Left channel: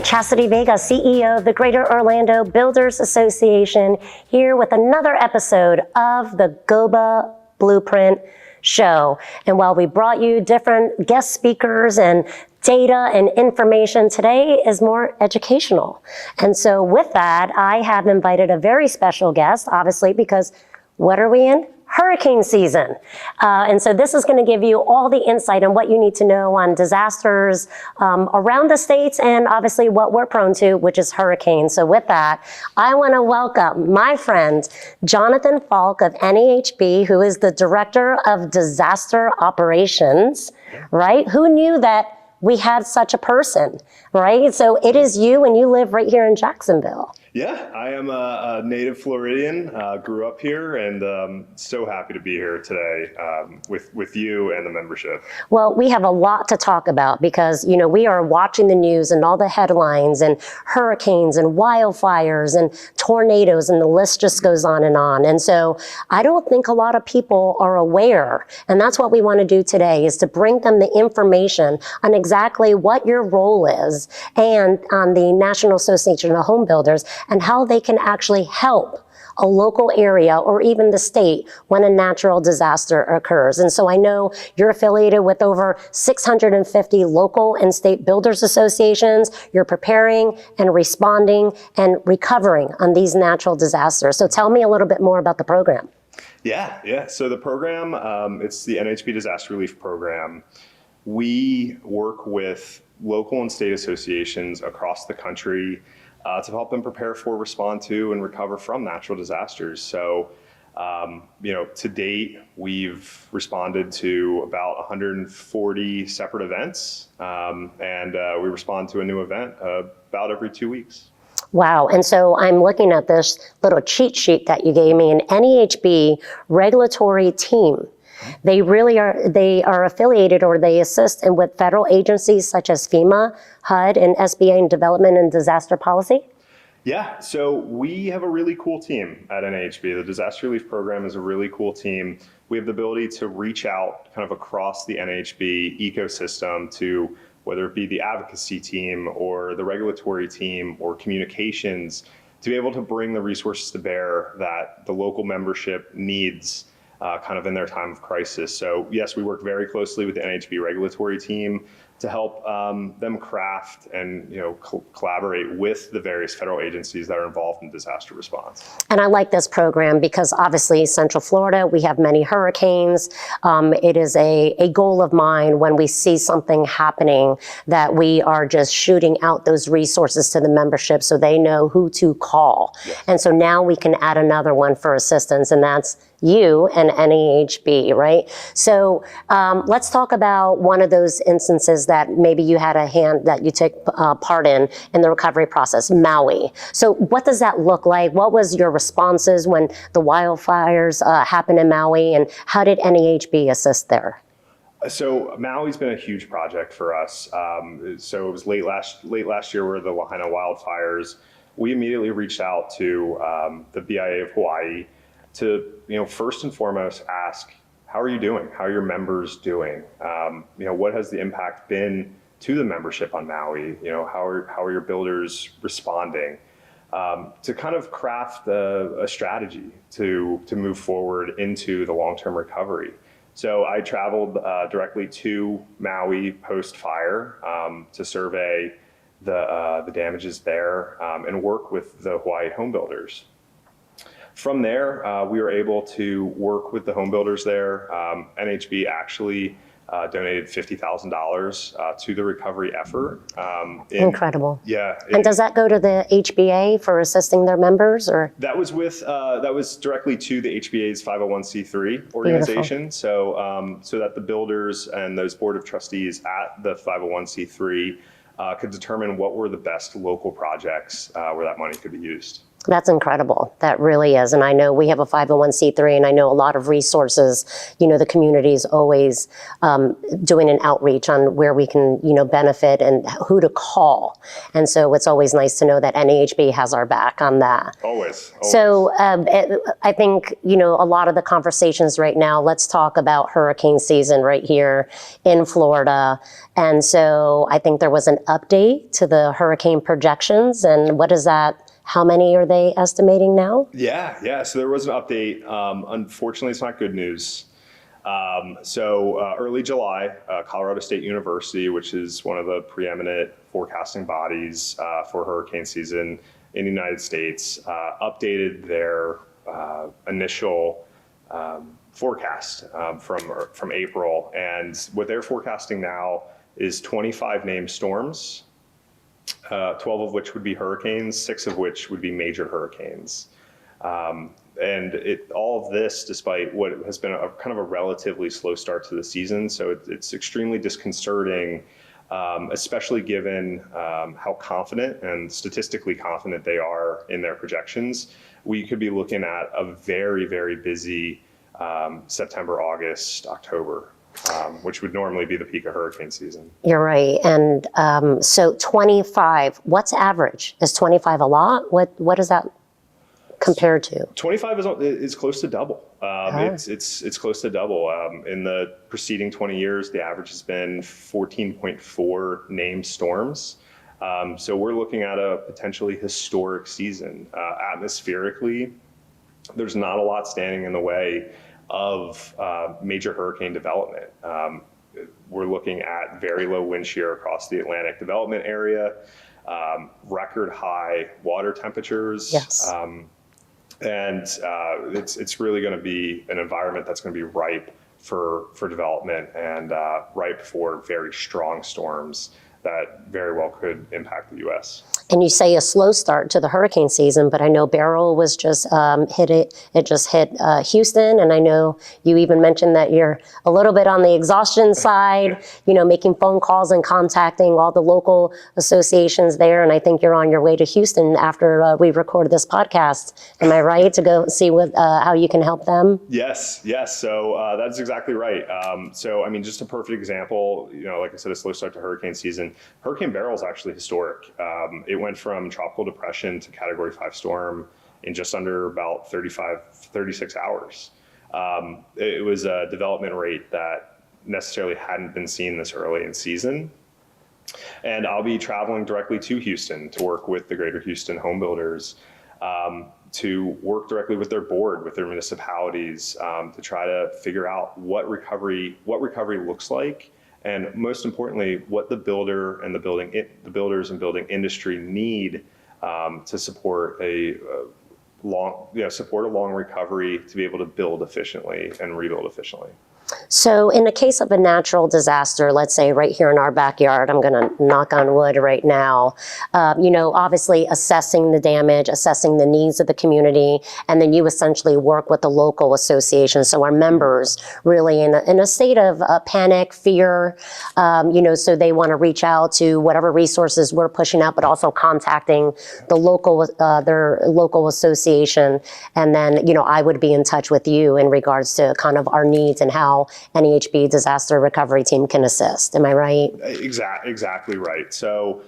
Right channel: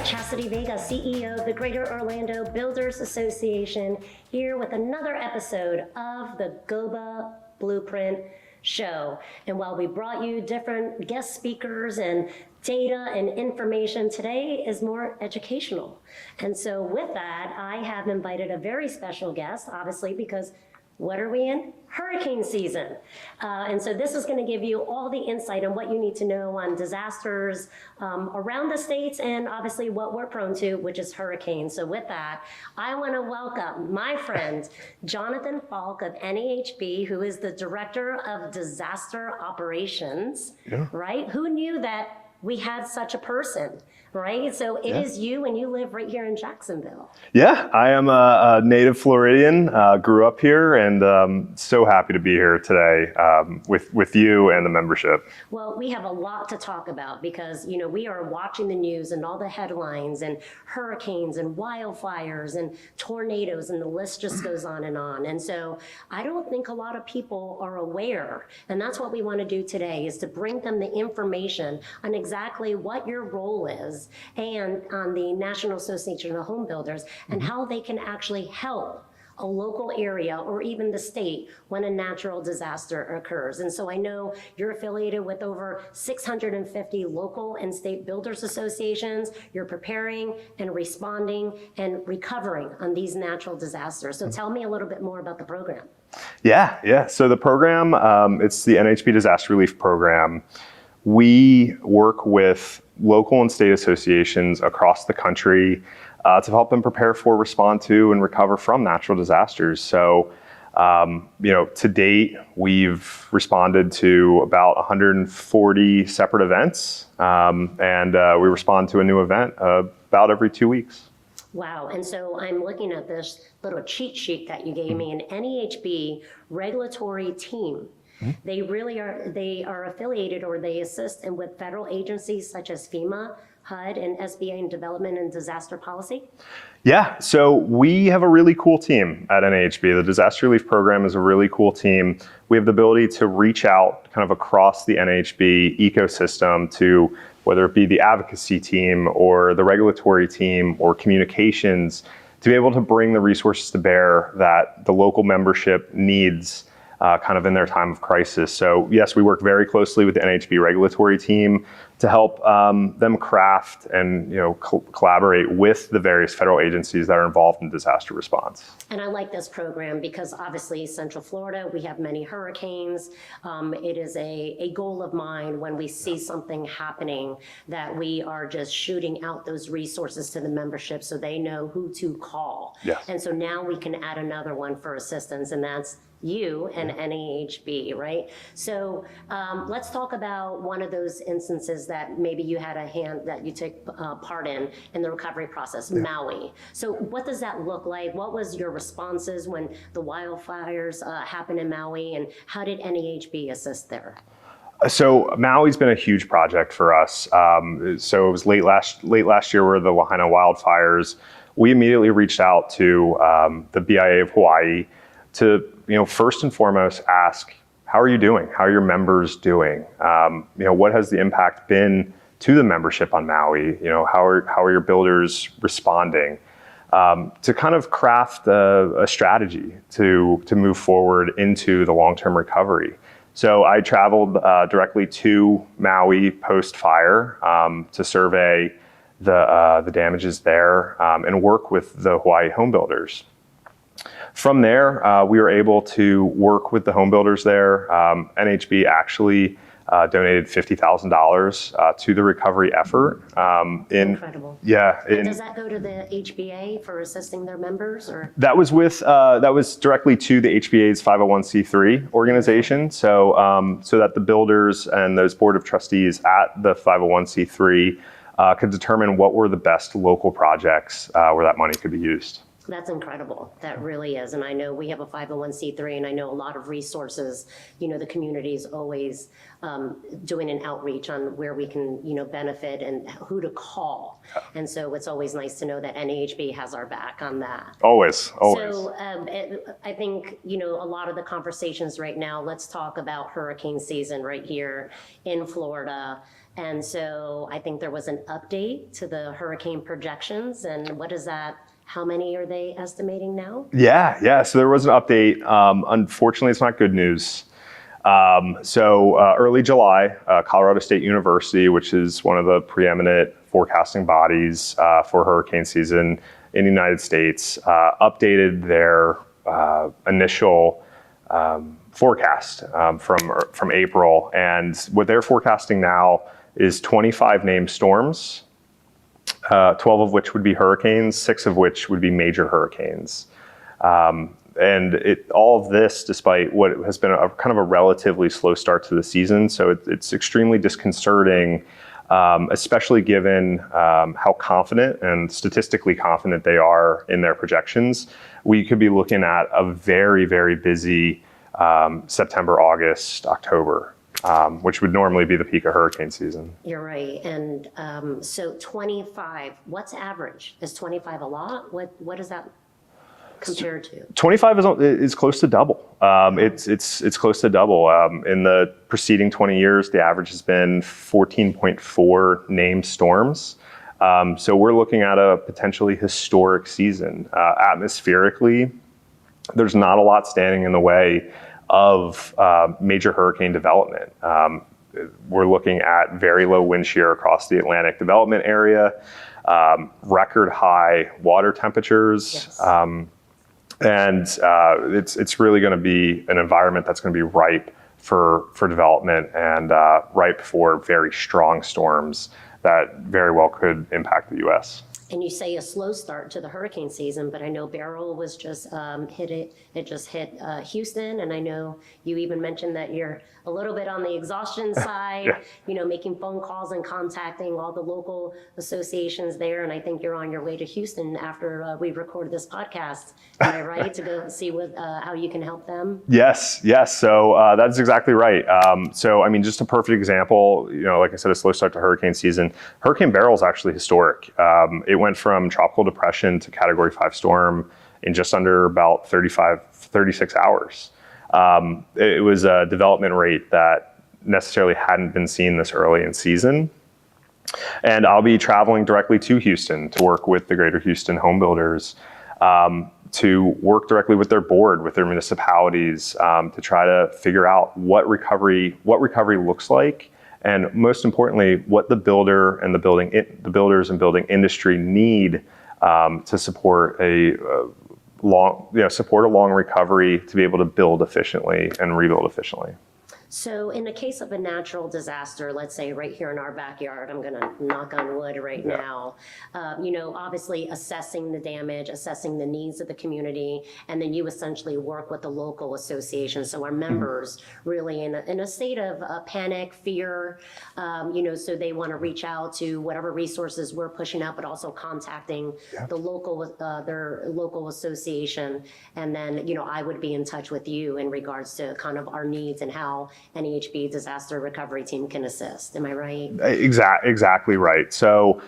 right, Chastity Vega, CEO of the Greater Orlando Builders Association, here with another episode of the GOBA Blueprint show. And while we brought you different guest speakers and data and information, today is more educational. And so with that, I have invited a very special guest, obviously, because what are we in? Hurricane season. And so this is going to give you all the insight on what you need to know on disasters around the states and obviously what we're prone to, which is hurricanes. So with that, I want to welcome my friend, Jonathan Falk of NAHB, who is the Director of Disaster Operations, right? Who knew that we had such a person, right? So it is you, and you live right here in Jacksonville. Yeah, I am a native Floridian, grew up here, and so happy to be here today with you and the membership. Well, we have a lot to talk about because, you know, we are watching the news and all the headlines and hurricanes and wildfires and tornadoes, and the list just goes on. And so I don't think a lot of people are aware, and that's what we want to do today, is to bring them the information on exactly what your role is and on the National Association of Home Builders and how they can actually help a local area or even the state when a natural disaster occurs. And so I know you're affiliated with over 650 local and state builders associations. You're preparing and responding and recovering on these natural disasters. So tell me a little bit more about the program. Yeah. So the program, it's the NAHB Disaster Relief Program. We work with local and state associations across the country to help them prepare for, respond to, and recover from natural disasters. So, to date, we've responded to about 140 separate events, and we respond to a new event about every 2 weeks. Wow. And so I'm looking at this little cheat sheet that you gave me, an NAHB regulatory team. They are affiliated, or they assist with federal agencies such as FEMA, HUD, and SBA in development and disaster policy? Yeah, so we have a really cool team at NAHB. The Disaster Relief Program is a really cool team. We have the ability to reach out kind of across the NAHB ecosystem to whether it be the advocacy team or the regulatory team or communications, to be able to bring the resources to bear that the local membership needs kind of in their time of crisis. So yes, we work very closely with the NAHB regulatory team to help them craft and collaborate with the various federal agencies that are involved in disaster response. And I like this program because obviously Central Florida, we have many hurricanes. It is a goal of mine when we see something happening that we are just shooting out those resources to the membership so they know who to call. Yes. And so now we can add another one for assistance, and that's you and NAHB, right? So let's talk about one of those instances that maybe you had a hand that you took part in the recovery process, Maui. So what does that look like? What was your responses when the wildfires happened in Maui, and how did NAHB assist there? So Maui's been a huge project for us. So it was late last year were the Lahaina wildfires. We immediately reached out to the BIA of Hawaii to first and foremost ask, how are you doing? How are your members doing? What has the impact been to the membership on Maui? How are your builders responding? To kind of craft a strategy to move forward into the long-term recovery. So I traveled directly to Maui post-fire to survey the damages there and work with the Hawaii home builders. From there, we were able to work with the home builders there. NAHB actually donated $50,000 to the recovery effort. Incredible. Yeah. And does that go to the HBA for assisting their members, or? That was directly to the HBA's 501c3 organization. Beautiful. So that the builders and those board of trustees at the 501c3 could determine what were the best local projects where that money could be used. That's incredible. That really is. And I know we have a 501c3, and I know a lot of resources, the community is always doing an outreach on where we can, benefit and who to call. And so it's always nice to know that NAHB has our back on that. Always. So I think, a lot of the conversations right now, let's talk about hurricane season right here in Florida. And so I think there was an update to the hurricane projections. And what is that? How many are they estimating now? Yeah. So there was an update. Unfortunately, it's not good news. Early July, Colorado State University, which is one of the preeminent forecasting bodies for hurricane season in the United States, updated their initial forecast from April. And what they're forecasting now is 25 named storms. 12 of which would be hurricanes, 6 of which would be major hurricanes. And all of this, despite what has been a kind of a relatively slow start to the season. So it's extremely disconcerting, especially given how confident and statistically confident they are in their projections. We could be looking at a very, very busy September, August, October. Which would normally be the peak of hurricane season. You're right. And so 25, what's average? Is 25 a lot? What does that compare to? 25 is close to double. It's close to double. In the preceding 20 years, the average has been 14.4 named storms. So we're looking at a potentially historic season. Atmospherically, there's not a lot standing in the way of major hurricane development. We're looking at very low wind shear across the Atlantic development area, record high water temperatures. Yes. And it's really going to be an environment that's going to be ripe for development and ripe for very strong storms that very well could impact the U.S. And you say a slow start to the hurricane season, but I know Beryl was just hit Houston, and I know you even mentioned that you're a little bit on the exhaustion side, making phone calls and contacting all the local associations there, and I think you're on your way to Houston after we recorded this podcast. Am I right, to go see how you can help them? Yes. So that's exactly right. Just a perfect example, like I said, a slow start to hurricane season. Hurricane Beryl is actually historic. It went from tropical depression to Category 5 storm in just under about 36 hours. It was a development rate that necessarily hadn't been seen this early in season. And I'll be traveling directly to Houston to work with the Greater Houston home builders, to work directly with their board, with their municipalities, to try to figure out what recovery looks like. And most importantly, what the builder and the builders and building industry need to support a long recovery, to be able to build efficiently and rebuild efficiently. So in the case of a natural disaster, let's say right here in our backyard, I'm going to knock on wood right now, obviously assessing the damage, assessing the needs of the community, and then you essentially work with the local association. So our members really in a state of panic, fear, so they want to reach out to whatever resources we're pushing out, but also contacting the local, their local association. And then, I would be in touch with you in regards to kind of our needs and how NAHB disaster recovery team can assist. Am I right? Exactly right. So,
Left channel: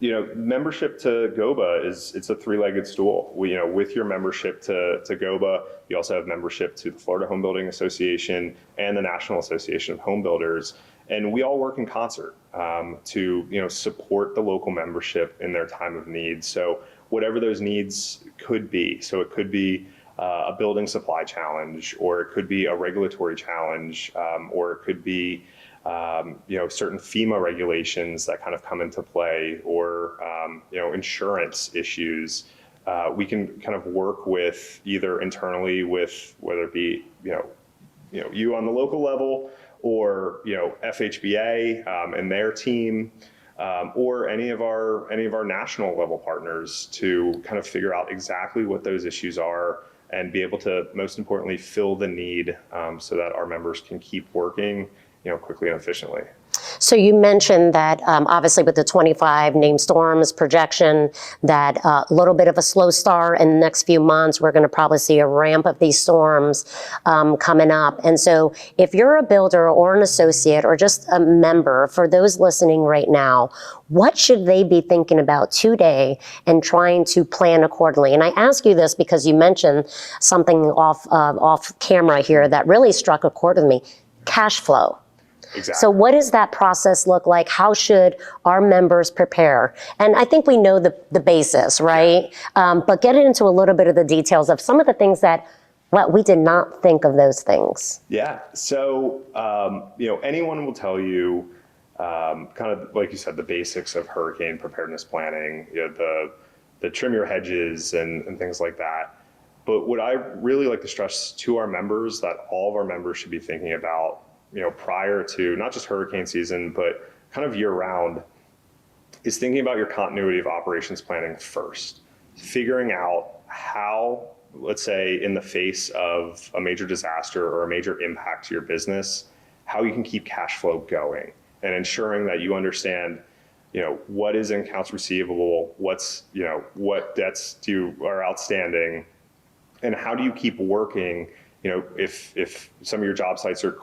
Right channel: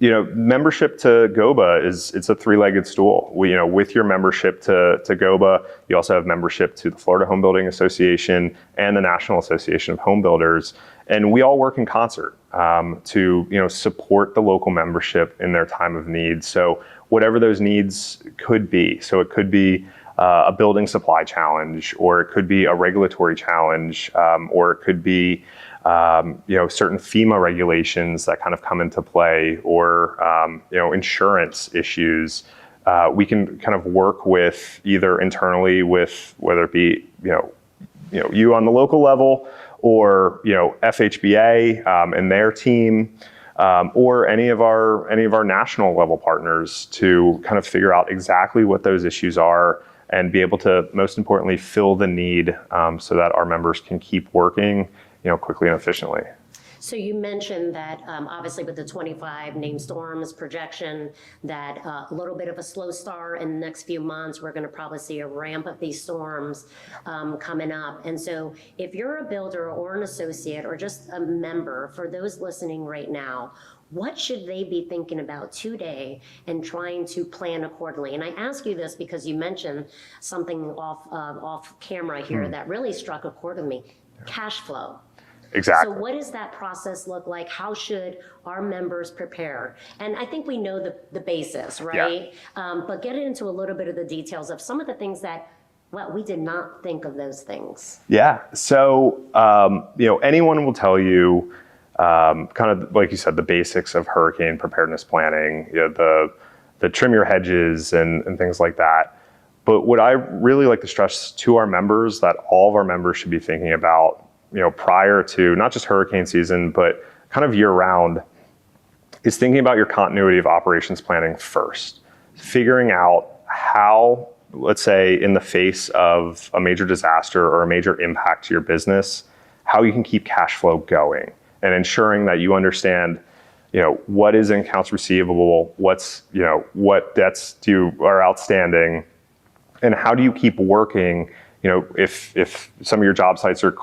membership to GOBA it's a three-legged stool. With your membership to GOBA, you also have membership to the Florida Home Building Association and the National Association of Home Builders. And we all work in concert to support the local membership in their time of need. So whatever those needs could be. So it could be a building supply challenge, or it could be a regulatory challenge, or it could be certain FEMA regulations that kind of come into play, or insurance issues. We can kind of work with either internally with whether it be you on the local level, or FHBA and their team, or any of our national level partners, to kind of figure out exactly what those issues are and be able to, most importantly, fill the need so that our members can keep working quickly and efficiently. So you mentioned that obviously with the 25 named storms projection, that a little bit of a slow start in the next few months, we're going to probably see a ramp of these storms coming up. And so if you're a builder or an associate or just a member, for those listening right now, what should they be thinking about today and trying to plan accordingly? And I ask you this because you mentioned something off camera here that really struck a chord with me: cash flow. Exactly. So what does that process look like? How should our members prepare? And I think we know the basis, right? Yeah. But get into a little bit of the details of some of the things that, well, we did not think of those things. Yeah. So, anyone will tell you, kind of like you said, the basics of hurricane preparedness planning, the trim your hedges and things like that. But what I really like to stress to our members that all of our members should be thinking about, prior to not just hurricane season, but kind of year round, is thinking about your continuity of operations planning first. Figuring out how, let's say, in the face of a major disaster or a major impact to your business, how you can keep cash flow going and ensuring that you understand, what is in accounts receivable, what debts are outstanding, and how do you keep working. If some of your job sites are,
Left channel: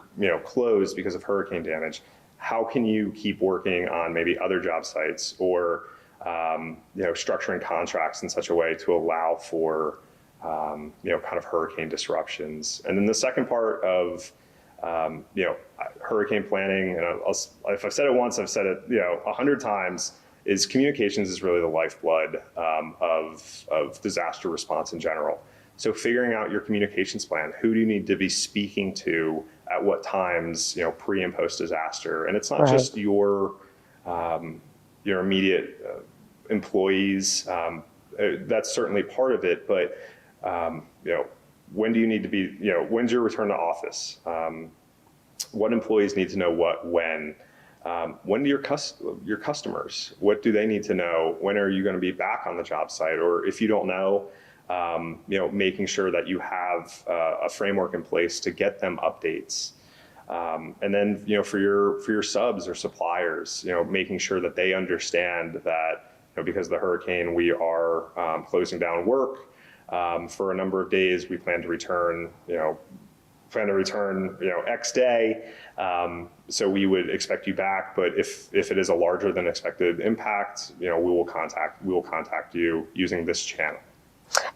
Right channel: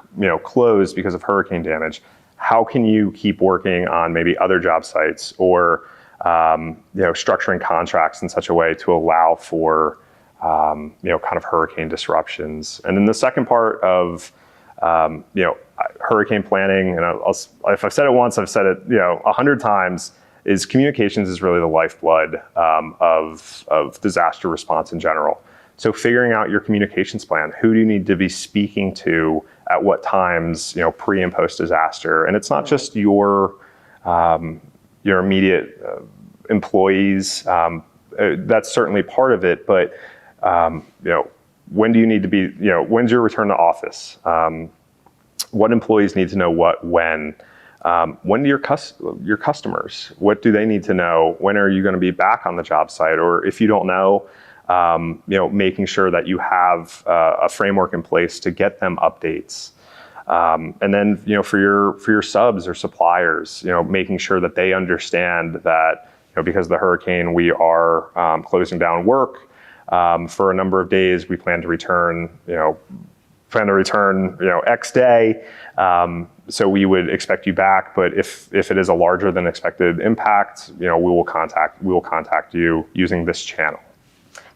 closed because of hurricane damage, how can you keep working on maybe other job sites or, structuring contracts in such a way to allow for, kind of hurricane disruptions. And then the second part of, hurricane planning, and if I've said it once, I've said it, 100 times, is communications is really the lifeblood of disaster response in general. So figuring out your communications plan, who do you need to be speaking to at what times, pre and post disaster. And it's not just your immediate employees. That's certainly part of it, but when do you need to be, when's your return to office? What employees need to know what, when do your customers, what do they need to know? When are you going to be back on the job site? Or if you don't know, making sure that you have a framework in place to get them updates. And then, for your subs or suppliers, making sure that they understand that, because of the hurricane, we are closing down work for a number of days. We plan to return, X day. So we would expect you back, but if it is a larger than expected impact, we will contact you using this channel.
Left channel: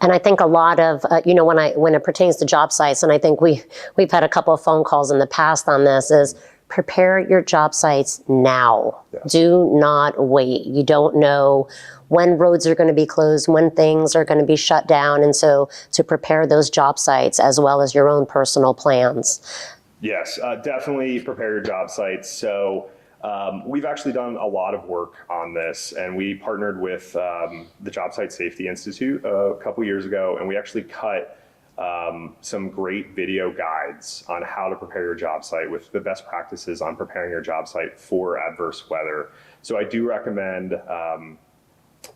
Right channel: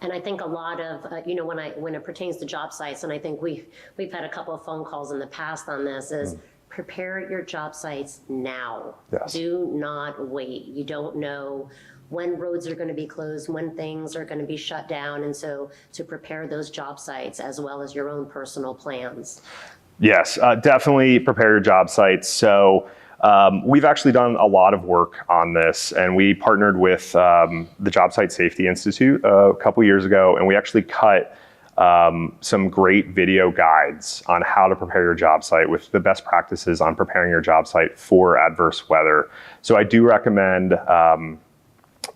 And I think a lot of, when it pertains to job sites, and I think we've had a couple of phone calls in the past on this, is prepare your job sites now. Yes. Do not wait. You don't know when roads are going to be closed, when things are going to be shut down. And so to prepare those job sites as well as your own personal plans. Yes, definitely prepare your job sites. So we've actually done a lot of work on this, and we partnered with the Job Site Safety Institute a couple years ago, and we actually cut some great video guides on how to prepare your job site with the best practices on preparing your job site for adverse weather. So I do recommend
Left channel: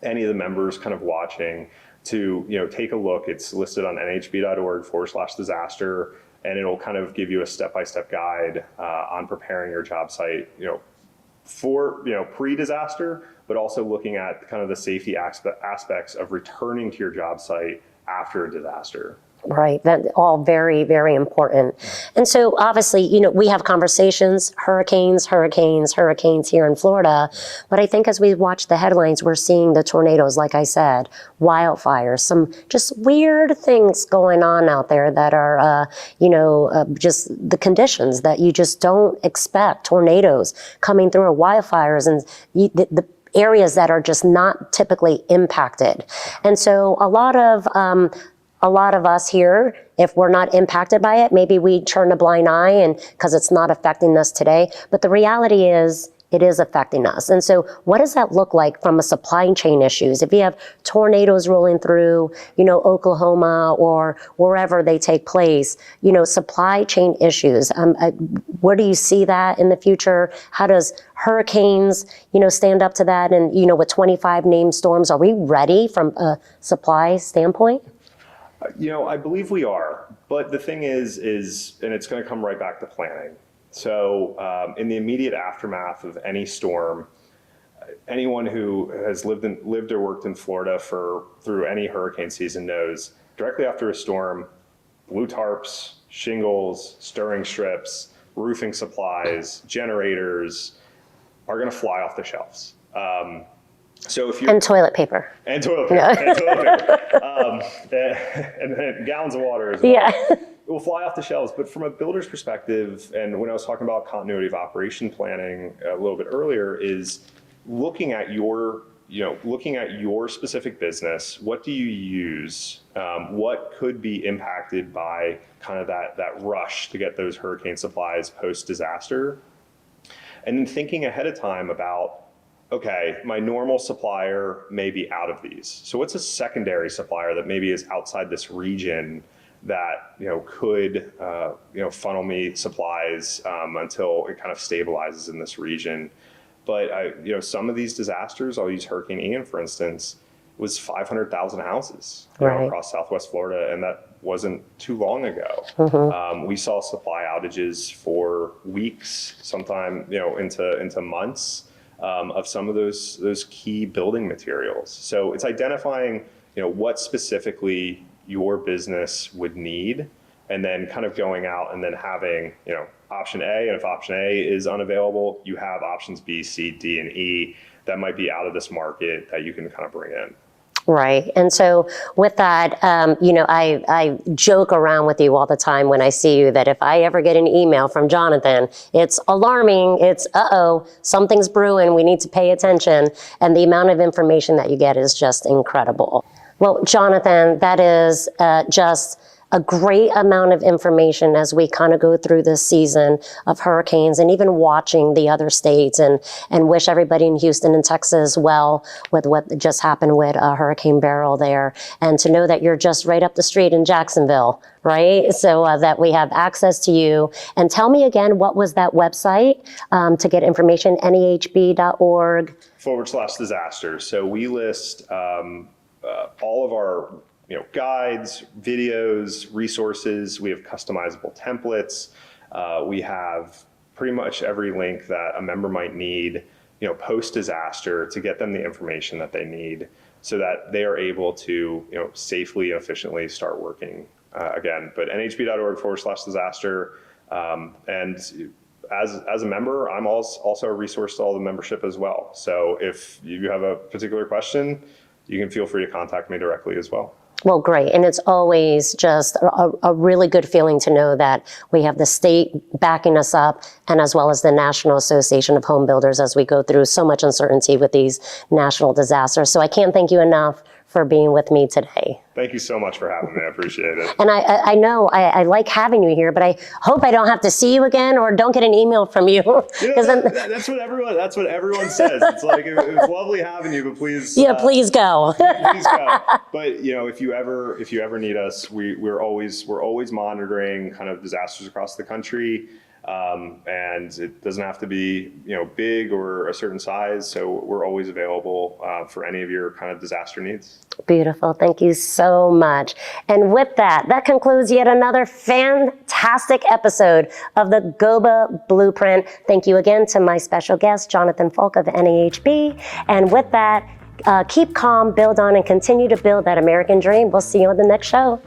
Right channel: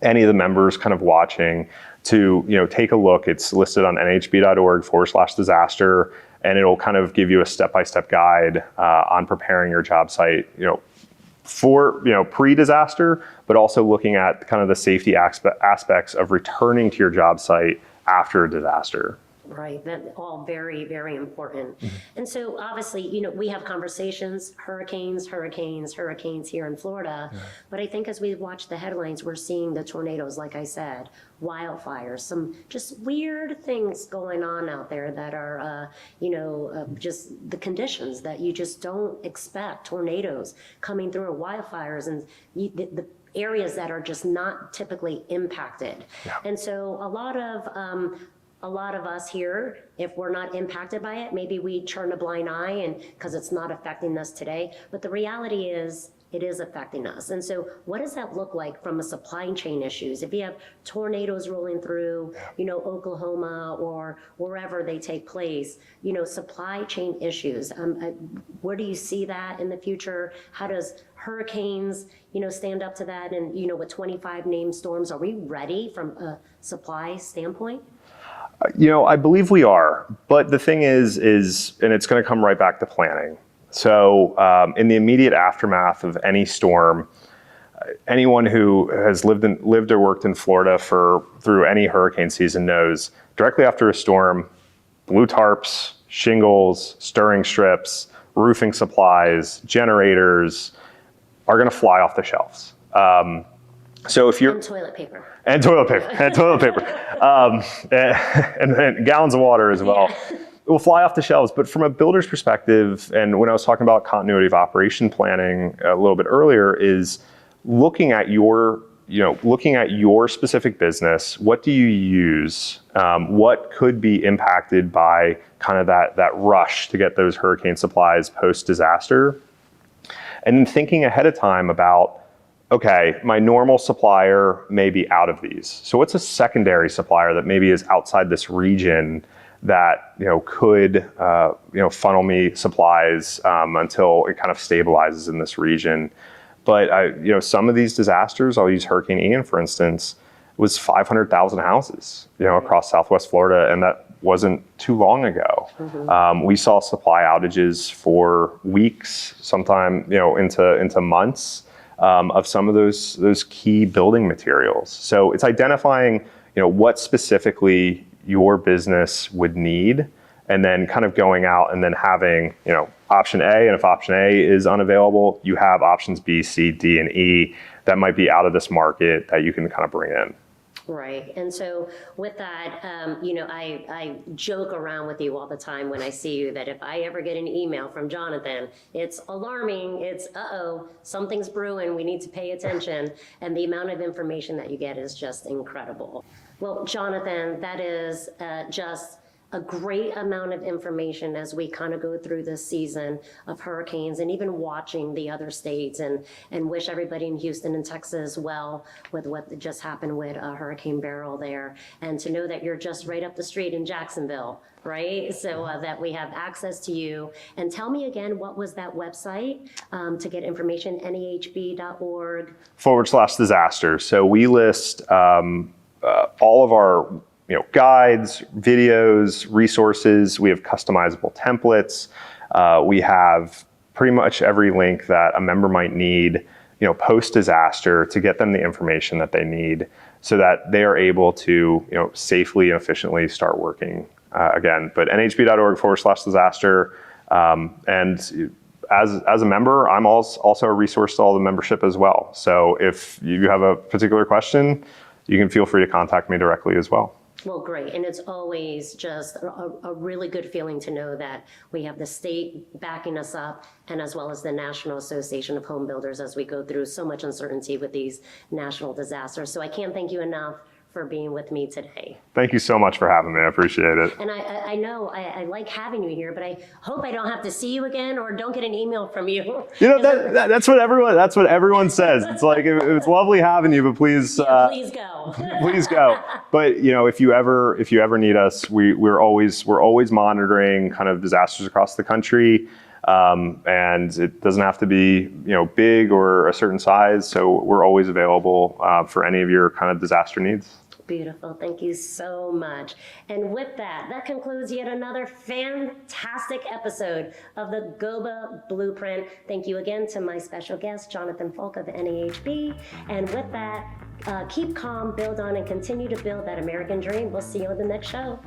any of the members kind of watching to take a look. It's listed on nhb.org/disaster, and it'll kind of give you a step-by-step guide on preparing your job site, for pre-disaster, but also looking at kind of the safety aspects of returning to your job site after a disaster. Right, that all very, very important. And so obviously, we have conversations, hurricanes here in Florida, but I think as we watch the headlines, we're seeing the tornadoes, like I said, wildfires, some just weird things going on out there that are, just the conditions that you just don't expect, tornadoes coming through, or wildfires, and the areas that are just not typically impacted. And so a lot of us here, if we're not impacted by it, maybe we turn a blind eye and because it's not affecting us today. But the reality is, it is affecting us. And so what does that look like from a supply chain issues? If you have tornadoes rolling through, Oklahoma or wherever they take place, supply chain issues, where do you see that in the future? How does hurricanes, stand up to that? And, with 25 named storms, are we ready from a supply standpoint? I believe we are, but the thing is, and it's going to come right back to planning. So in the immediate aftermath of any storm, anyone who has lived or worked in Florida through any hurricane season knows directly after a storm, blue tarps, shingles, stirring strips, roofing supplies, generators are going to fly off the shelves. So if you're And toilet paper. And toilet paper. Yeah. And toilet paper. And gallons of water as well. Yeah. It will fly off the shelves. But from a builder's perspective, and when I was talking about continuity of operation planning a little bit earlier, is looking at your specific business. What do you use? What could be impacted by kind of that rush to get those hurricane supplies post-disaster? And then thinking ahead of time about, okay, my normal supplier may be out of these. So what's a secondary supplier that maybe is outside this region that could funnel me supplies until it kind of stabilizes in this region? But some of these disasters, I'll use Hurricane Ian for instance, was 500,000 houses Right. across Southwest Florida, and that wasn't too long ago. Mm-hmm. We saw supply outages for weeks, sometime into months of some of those key building materials. So it's identifying what specifically your business would need, and then kind of going out and then having option A, and if option A is unavailable, you have options B, C, D, and E that might be out of this market that you can kind of bring in. Right. And so with that, I joke around with you all the time when I see you that if I ever get an email from Jonathan, it's alarming. It's, something's brewing. We need to pay attention. And the amount of information that you get is just incredible. Well, Jonathan, that is just a great amount of information as we kind of go through this season of hurricanes, and even watching the other states, and wish everybody in Houston and Texas well with what just happened with Hurricane Beryl there, and to know that you're just right up the street in Jacksonville, right? So that we have access to you. And tell me again, what was that website to get information? NAHB.org/disaster. So we list all of our guides, videos, resources. We have customizable templates. We have pretty much every link that a member might need, post-disaster, to get them the information that they need so that they are able to, safely and efficiently start working again. But nhb.org/disaster. And as a member, I'm also a resource to all the membership as well. So if you have a particular question, you can feel free to contact me directly as well. Well, great. And it's always just a really good feeling to know that we have the state backing us up, and as well as the National Association of Home Builders as we go through so much uncertainty with these national disasters. So I can't thank you enough for being with me today. Thank you so much for having me. I appreciate it. And I know I like having you here, but I hope I don't have to see you again or don't get an email from you. That's what everyone says. It's like, it was lovely having you, but please. Yeah, please go. Please go. But if you ever need us, we're always monitoring kind of disasters across the country. And it doesn't have to be, big or a certain size. So we're always available for any of your kind of disaster needs. Beautiful. Thank you so much. And with that concludes yet another fantastic episode of the GOBA Blueprint. Thank you again to my special guest, Jonathan Falk of NAHB. And with that, keep calm, build on, and continue to build that American dream. We'll see you on the next show.